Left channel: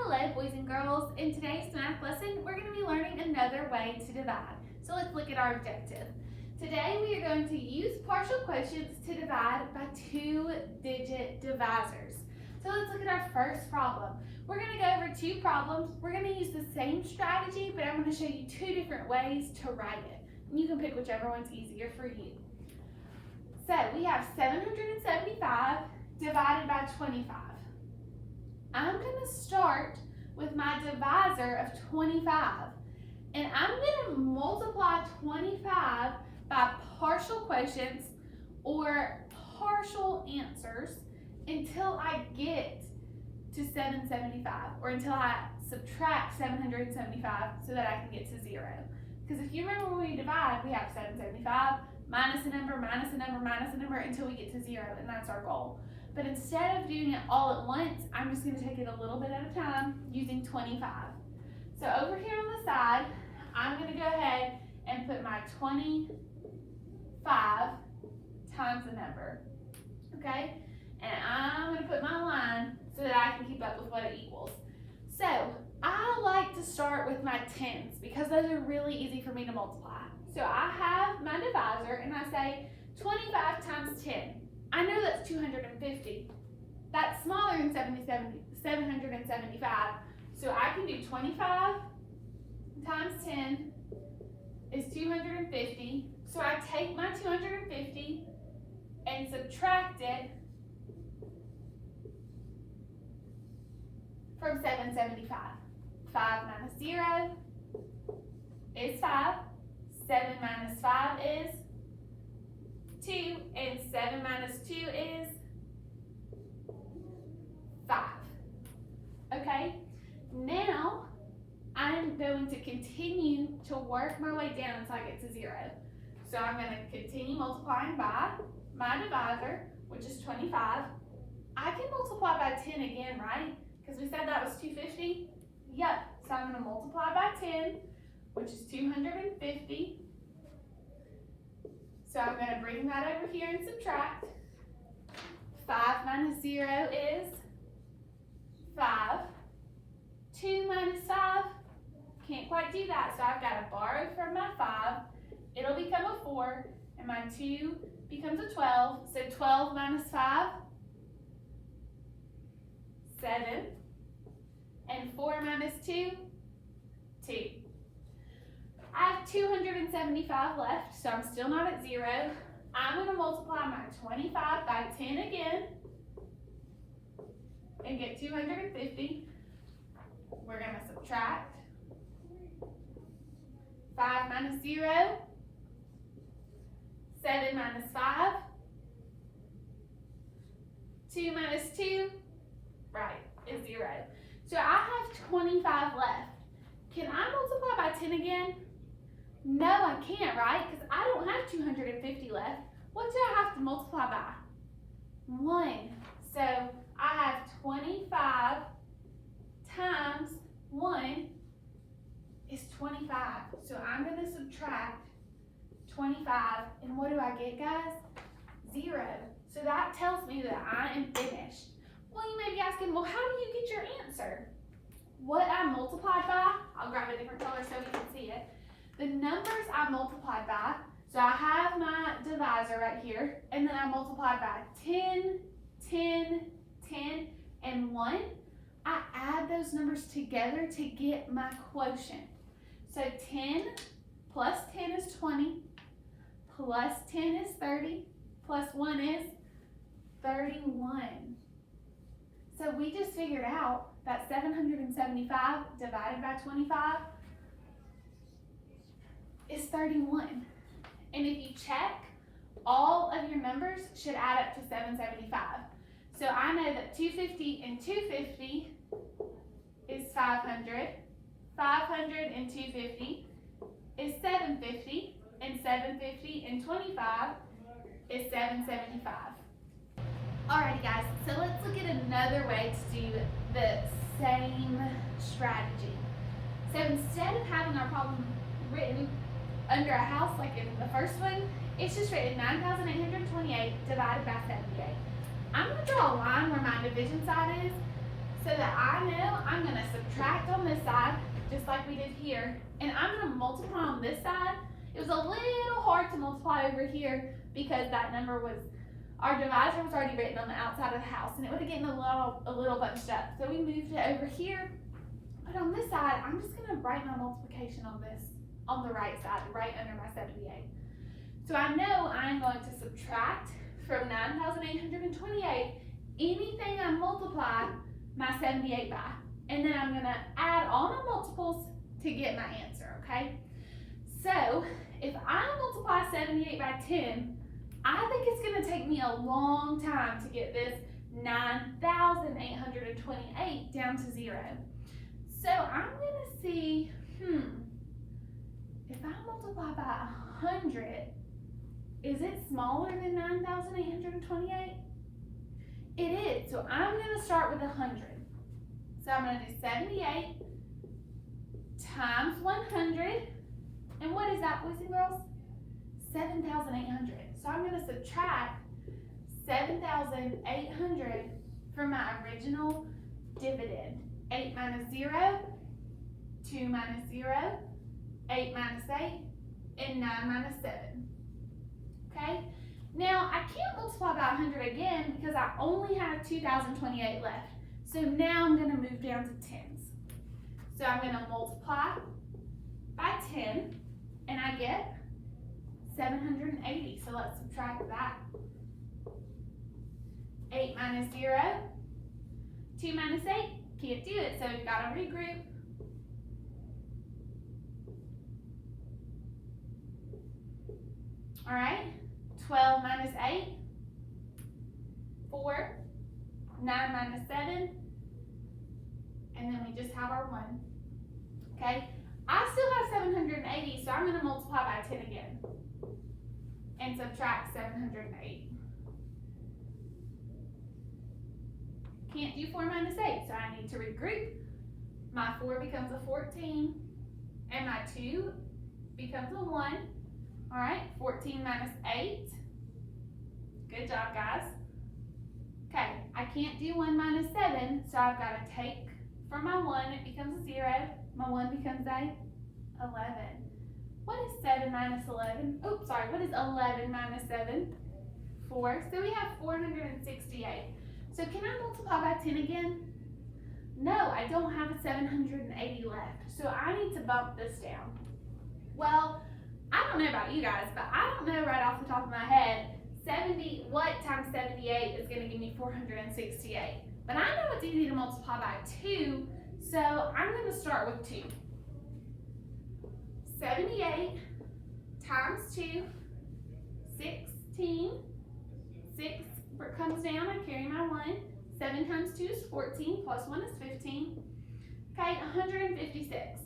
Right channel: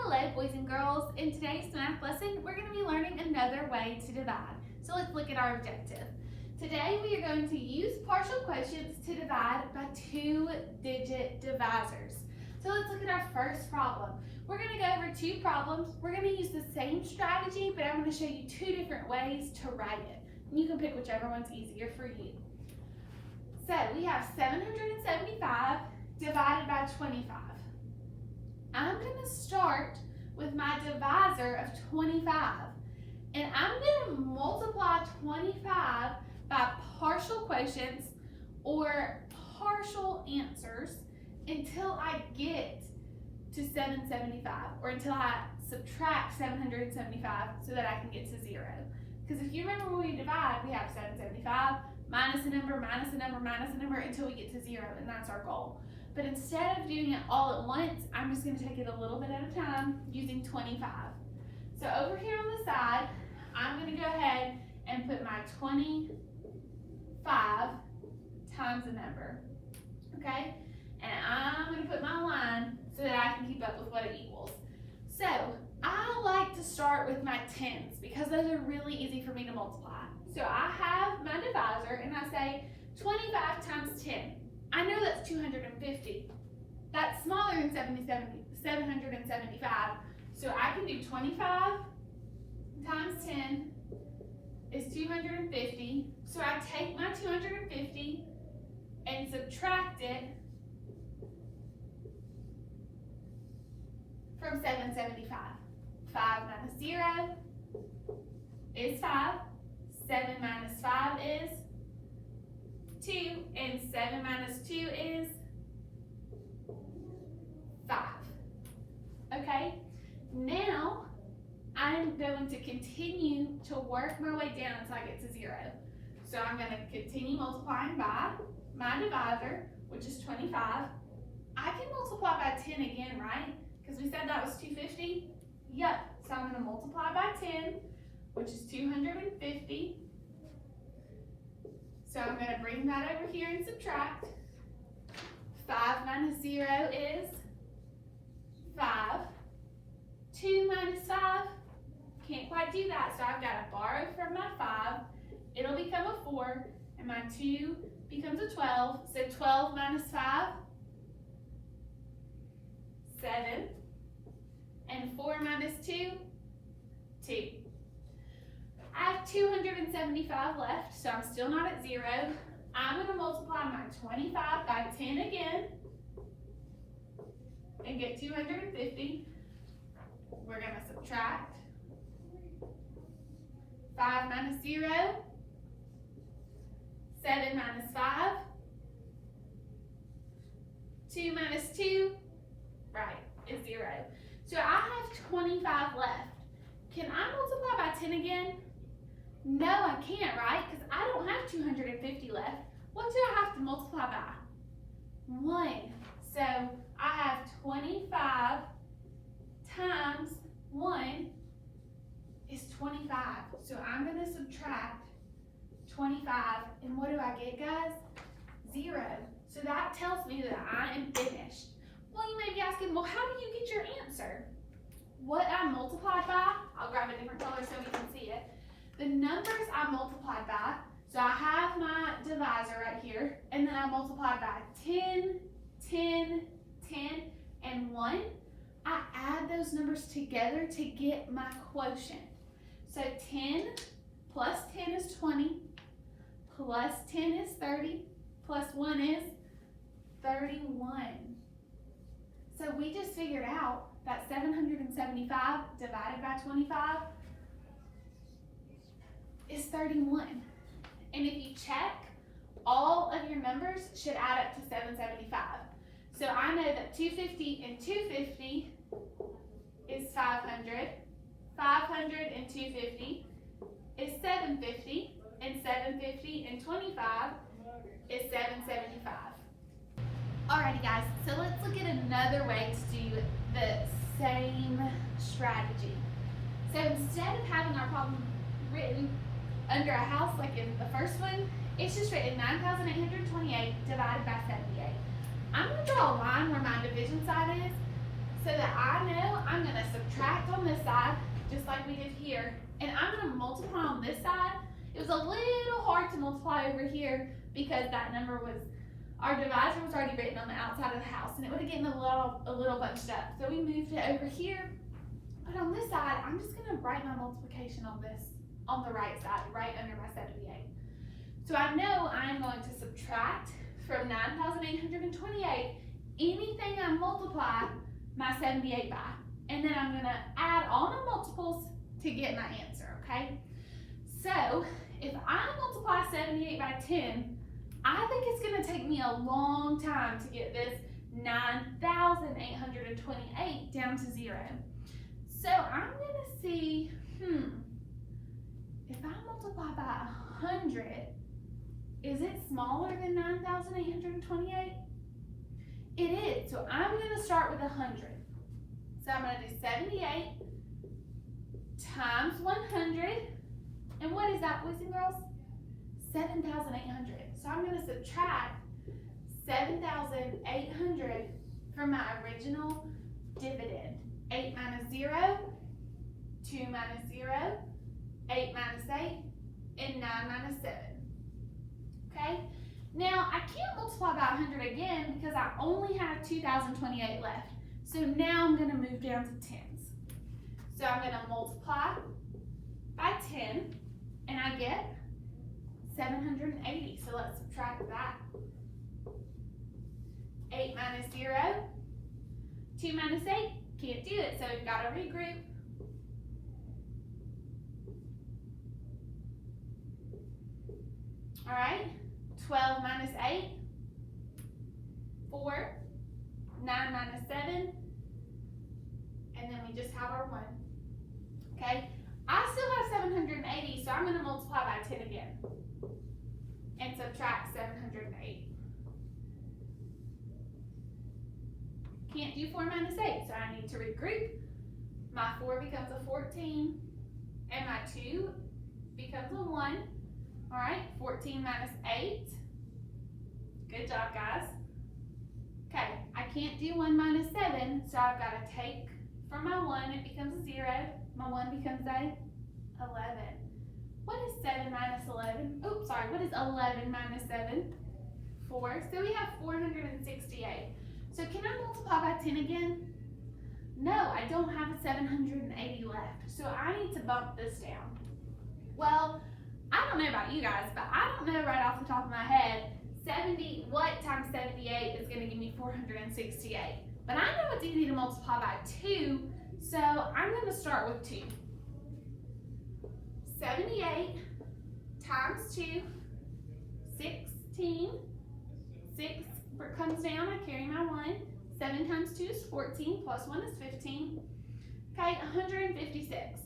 Hello boys and girls, in today's math lesson we're going to be learning another way to divide. So let's look at our objective. Today we are going to use partial quotients to divide by two-digit divisors. So let's look at our first problem. We're going to go over two problems. We're going to use the same strategy, but I'm going to show you two different ways to write it. And you can pick whichever one's easier for you. So we have 775 divided by 25. I'm going to start with my divisor of 25, and I'm going to multiply 25 by partial quotients or partial answers until I get to 775, or until I subtract 775 so that I can get to 0. Because if you remember when we divide, we have 775 minus a number, minus a number, minus a number until we get to 0, and that's our goal. But instead of doing it all at once, I'm just going to take it a little bit at a time using 25. So over here on the side, I'm going to go ahead and put my 25 times a number, okay? And I'm going to put my line so that I can keep up with what it equals. So I like to start with my tens because those are really easy for me to multiply. So I have my divisor and I say 25 times 10. I know that's 250. That's smaller than 775. So I can do 25 times 10 is 250. So I take my 250 and subtract it from 775. 5 minus 0 is 5. 7 minus 5 is 2, and 7 minus 2 is 5. Okay, now I'm going to continue to work my way down until I get to 0. So I'm going to continue multiplying by my divisor, which is 25. I can multiply by 10 again, right? Because we said that was 250. Yep, so I'm going to multiply by 10, which is 250. So I'm going to bring that over here and subtract. 5 minus 0 is 5. 2 minus 5, can't quite do that, so I've got to borrow from my 5. It'll become a 4, and my 2 becomes a 12. So 12 minus 5, 7. And 4 minus 2, 2. I have 275 left, so I'm still not at 0. I'm going to multiply my 25 by 10 again and get 250. We're going to subtract 5 minus 0, 7 minus 5, 2 minus 2, right, is 0. So I have 25 left. Can I multiply by 10 again? No, I can't, right? Because I don't have 250 left. What do I have to multiply by? 1. So I have 25 times 1 is 25. So I'm going to subtract 25. And what do I get, guys? 0. So that tells me that I am finished. Well, you may be asking, well, how do you get your answer? What I multiplied by, I'll grab a different color so we can see it. The numbers I multiplied by, so I have my divisor right here, and then I multiplied by 10, 10, 10, and 1. I add those numbers together to get my quotient. So 10 plus 10 is 20, plus 10 is 30, plus 1 is 31. So we just figured out that 775 divided by 25 is 31. And if you check, all of your numbers should add up to 775. So I know that 250 and 250 is 500. 500 and 250 is 750. And 750 and 25 is 775. Alrighty guys, so let's look at another way to do the same strategy. So instead of having our problem written under a house like in the first one, it's just written 9,828 divided by 78. I'm going to draw a line where my division side is so that I know I'm going to subtract on this side, just like we did here, and I'm going to multiply on this side. It was a little hard to multiply over here because that number was, our divisor was already written on the outside of the house, and it would have gotten a little bunched up. So we moved it over here, but on this side, I'm just going to write my multiplication on this, on the right side, right under my 78. So I know I'm going to subtract from 9,828 anything I multiply my 78 by, and then I'm going to add all my multiples to get my answer, okay? So if I multiply 78 by 10, I think it's going to take me a long time to get this 9,828 down to 0. So I'm going to see, if I multiply by 100, is it smaller than 9,828? It is, so I'm going to start with 100. So I'm going to do 78 times 100, and what is that, boys and girls? 7,800. So I'm going to subtract 7,800 from my original dividend. 8 minus 0, 2 minus 0, 8 minus 8, and 9 minus 7. Okay? Now, I can't multiply by 100 again because I only have 2,028 left. So now I'm going to move down to tens. So I'm going to multiply by 10, and I get 780. So let's subtract that. 8 minus 0, 2 minus 8, can't do it, so we've got to regroup. All right, 12 minus 8, 4, 9 minus 7, and then we just have our 1. Okay, I still have 780, so I'm going to multiply by 10 again and subtract 708. Can't do 4 minus 8, so I need to regroup. My 4 becomes a 14, and my 2 becomes a 1. All right, 14 minus 8. Good job, guys. Okay, I can't do 1 minus 7, so I've got to take from my 1, it becomes a 0. My 1 becomes a 11. What is 7 minus 11? Oops, sorry, what is 11 minus 7? 4. So we have 468. So can I multiply by 10 again? No, I don't have a 780 left. So I need to bump this down. Well, I don't know about you guys, but I don't know right off the top of my head, what times 78 is going to give me 468. But I know it's easy to multiply by 2, so I'm going to start with 2. 78 times 2, 16. 6 comes down, I carry my 1. 7 times 2 is 14, plus 1 is 15. Okay, 156.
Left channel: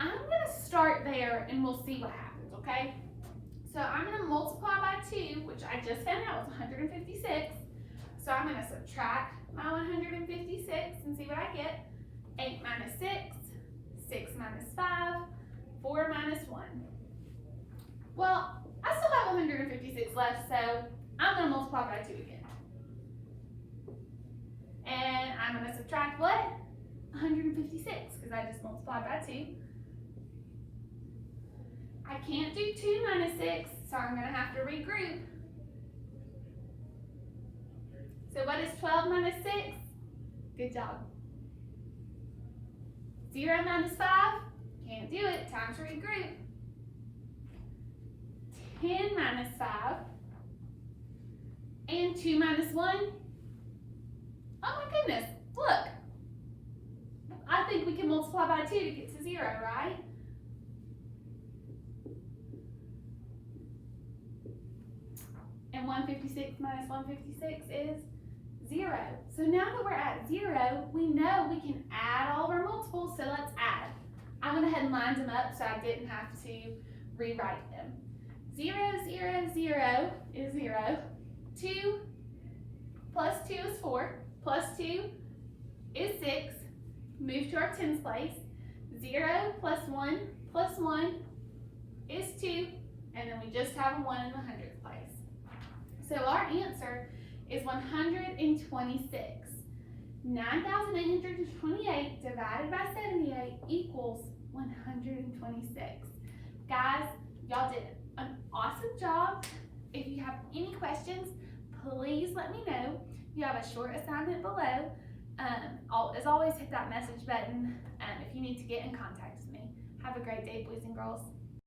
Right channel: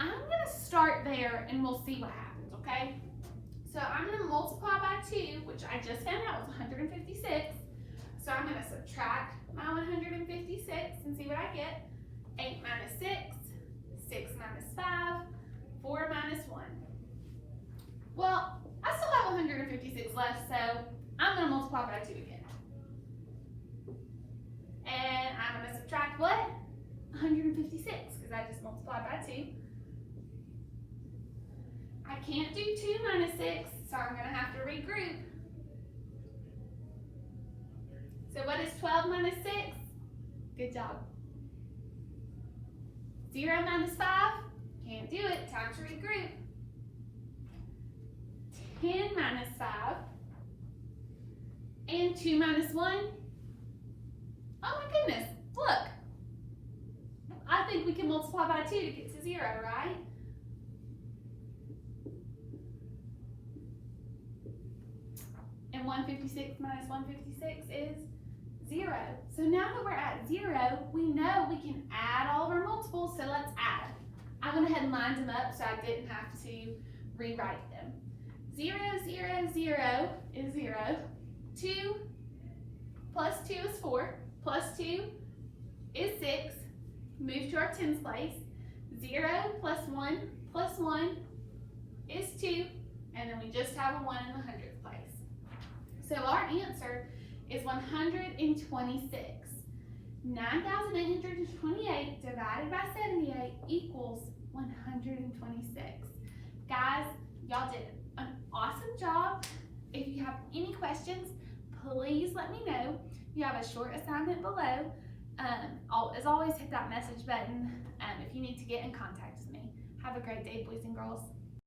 I'm going to start there and we'll see what happens, okay? So I'm going to multiply by 2, which I just found out was 156. So I'm going to subtract my 156 and see what I get. 8 minus 6, 6 minus 5, 4 minus 1. Well, I still have 156 left, so I'm going to multiply by 2 again. And I'm going to subtract what? 156, because I just multiplied by 2. I can't do 2 minus 6, so I'm going to have to regroup. So what is 12 minus 6? Good job. 0 minus 5? Can't do it. Time to regroup. 10 minus 5. And 2 minus 1? Oh my goodness, look. I think we can multiply by 2 to get to 0, right? And 156 minus 156 is 0. So now that we're at 0, we know we can add all of our multiples, so let's add. I went ahead and lined them up so I didn't have to rewrite them. 0, 0, 0 is 0. 2 plus 2 is 4. Plus 2 is 6. Move to our tens place. 0 plus 1 is 2. And then we just have a 1 in the hundredths place. So our answer is 126. 9,828 divided by 78 equals 126. Guys, y'all did an awesome job. If you have any questions, please let me know. You have a short assignment below. As always, hit that message button if you need to get in contact with me. Have a great day, boys and girls.